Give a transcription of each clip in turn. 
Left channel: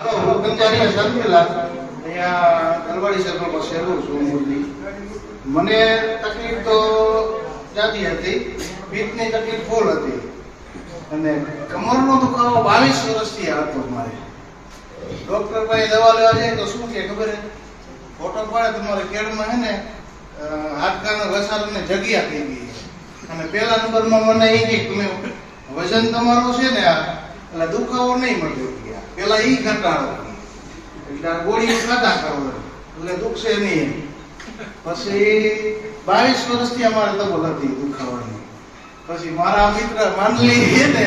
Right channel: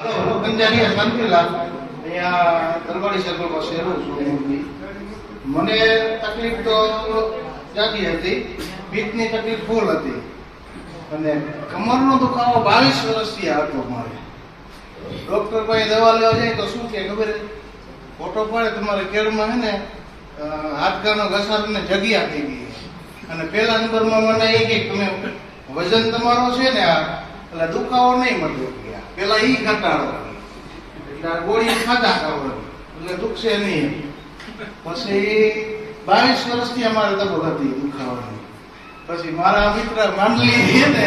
કંજારિયા શાંતિલા અહીંયા તલવાડી સર્કલ પાસે રહું છું મૂળથી. મને તકલીફ તો જાતી હતી, પીઠની તકલીફ ફૂલ હતી અને કમરનો દુખાવો 22 વર્ષથી હતો મારે. ડોક્ટર પાસે દવા લેવા જાય તો શું કે ખબર હે, ફોટો પાડે તમારે કેળમાં હે ને હાડકાનો ઘસારો ને જગ્યા થઈ ગઈ અને પહેલા નંબરમાં મને એ કે તમે વજન તમારો છે ને આ એટલે દુખાવો નહીં મળ્યો પેલા ઈ ઘટાડો એટલે આ ગોળી ખાધા કરો એટલે દુખશે નહીં. પછી 22 વર્ષથી અમારે તબલ હતી દુખાવાની. પછી મારા મિત્ર માંડલી છે ને,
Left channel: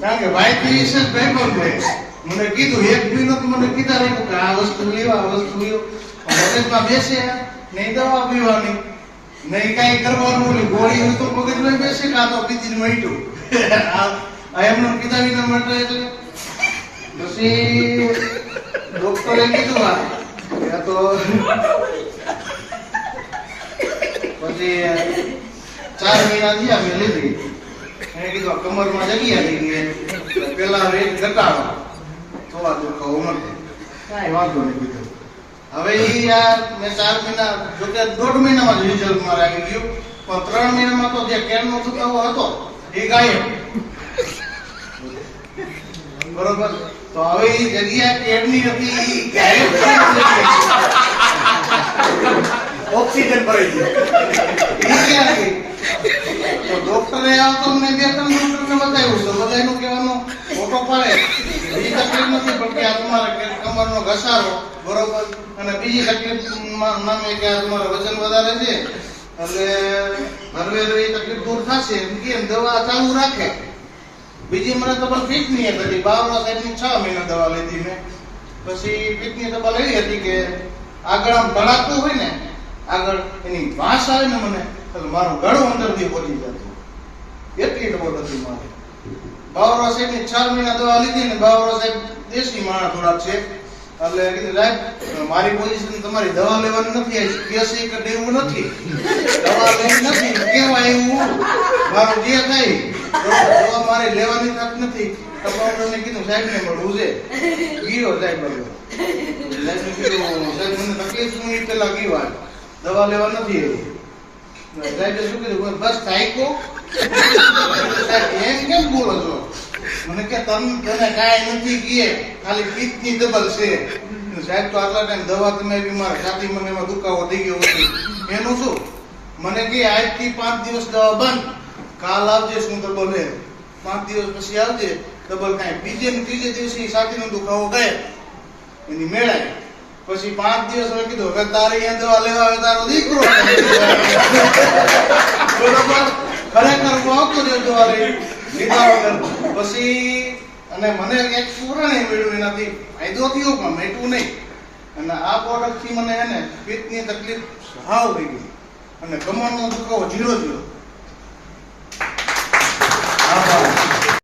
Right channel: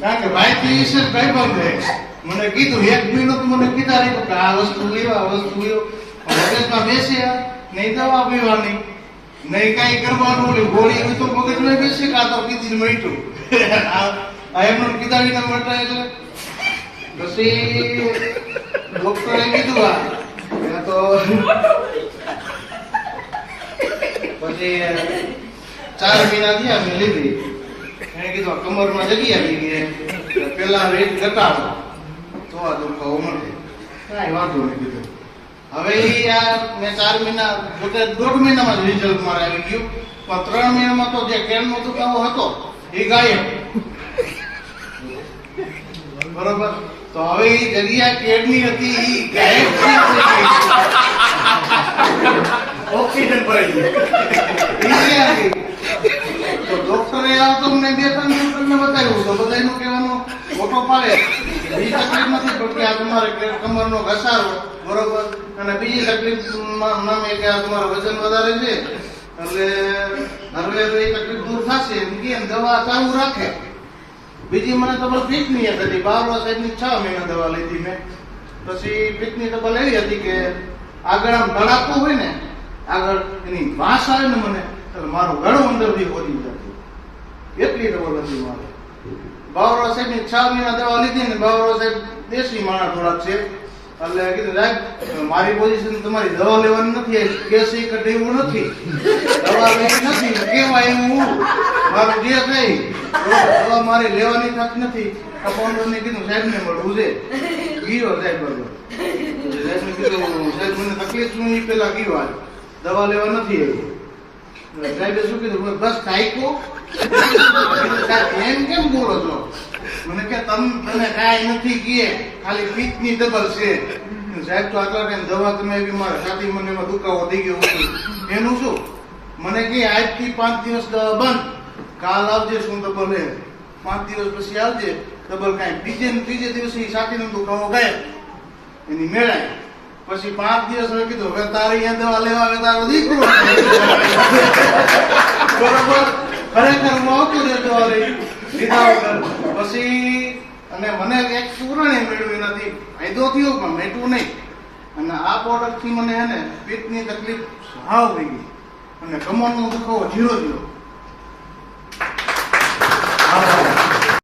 કારણ કે ભાઈ પીસ કઈ બંધ મને કીધું એક મહિનો તો મને કીધા રહ્યું કે આ વસ્તુ લેવા આ વસ્તુ લેવો. મગજમાં બેસે નહીં દવા પીવાની નહીં કઈ કરવાનું, ગોળી હોય તો મગજમાં બેસે કાં તો પીધી મટ્યું આ એમનું કીધા વિના મટે. એટલે પછી ડોક્ટરે કીધું તો પછી 4 મહિના થયા મેં લીધી. એને કીધું કમરમાં જગ્યા આવી ગઈ, પેલા રેટ ઘટાડો તો આ દુખાવો મળે. કાંઈ વાંધો નહીં કીધું. હવે મેં 4 મહિના જોકે 1.5 મહિનામાં જ રિઝલ્ટ મારે આવી ગયું, પણ 3 મહિનામાં તો જે કેળનો દુખાવો હતો એ ગાયબ. બરોબર, તો હવે એ જગ્યા કેળની હતી એ ગાયબ ઓક્સિજન ભરાઈ ગયું. તો ડોક્ટરે આવતો મને 2-3 ડોક્ટરને બતાવ્યું તો બધા એનું કહેવાનો ફોટો પાડે બીજી તકલીફ નથી પડતી, આ તમારે કમરનો ઘસારો બરોબર, અને બીજી તકલીફ નામે કે આ તમારો વજન વધારે છે એટલે હરવે એ તકલીફ દૂર થશે એમ કે દવા ચાલુ રાખે. બીજી મને તબલ ફીટની હતી, બાવળા સાહેબની 6 મહિના દવા લીધી મેં. પછી ફીટની તબલ એવી હતી કે આગળ આમ તળાતું હોય ને, આગળ એની વાસ આવે ને મને એટલે મારું ગળું અંદરથી બોલી જતું, એટલી ડબલ હતી મારી. બાવળા સાહેબની 6 મહિના દવા લીધી ને, બાવળા સાહેબ દેશી માણસ થોડાક છે એટલે કીધું સાહેબ મારી પોઝિશન તમારી દવા લેવાની નથી, કેસી કે દેવું નથી, દવા લેવી નથી કેવાય એવું મારું જે થાય દવા મારે લેવાની થતી નથી. કપાઉન્ડરને કીધું સાહેબને મળવું છે, ગયો સાહેબ બરોબર. સાહેબને કીધું સાહેબ મને તકલીફ શું એ પેલા ગયો દવા લેવા નથી એવી. સાહેબે શું કીધું બસ થાયકો એમ કેમ બોલો છો? મને કે તને કાંઈ નથી કીએ, ખાલી પીઠની ડબલ છે. સાહેબ તો આટલા ટાઈમ દવા તમે બી મારા છાતી મને એમાં દુખાવો થઈ ગયો એનું શું? મને કે આજથી 5 દિવસ દવા બંધ, કાલ આવજે શું ડબલ હે, 5 દિવસ પછી આવજે ડબલ કાંઈ. ત્રીજે દિવસે છાતીનો દુખાવો ગાયબ, એની મેળાય. પછી 5 દિવસ હવે કીધું હવે તારે અહીંયા દવા લેવા આવે તારો દીકરો બરોબર ખરેખર હું આવતો જ દવા લઈ લીધા વગર. પછી અને મને એક પુરાણે મેળવ્યું એનાથી ફાયદો થયો પણ મેટવું નહીં. અને આ પ્રોડક્ટથી મને હે ને પેટની તકલીફ સાવ થઈ ગઈ અને કમરનો દુખાવો 0 0.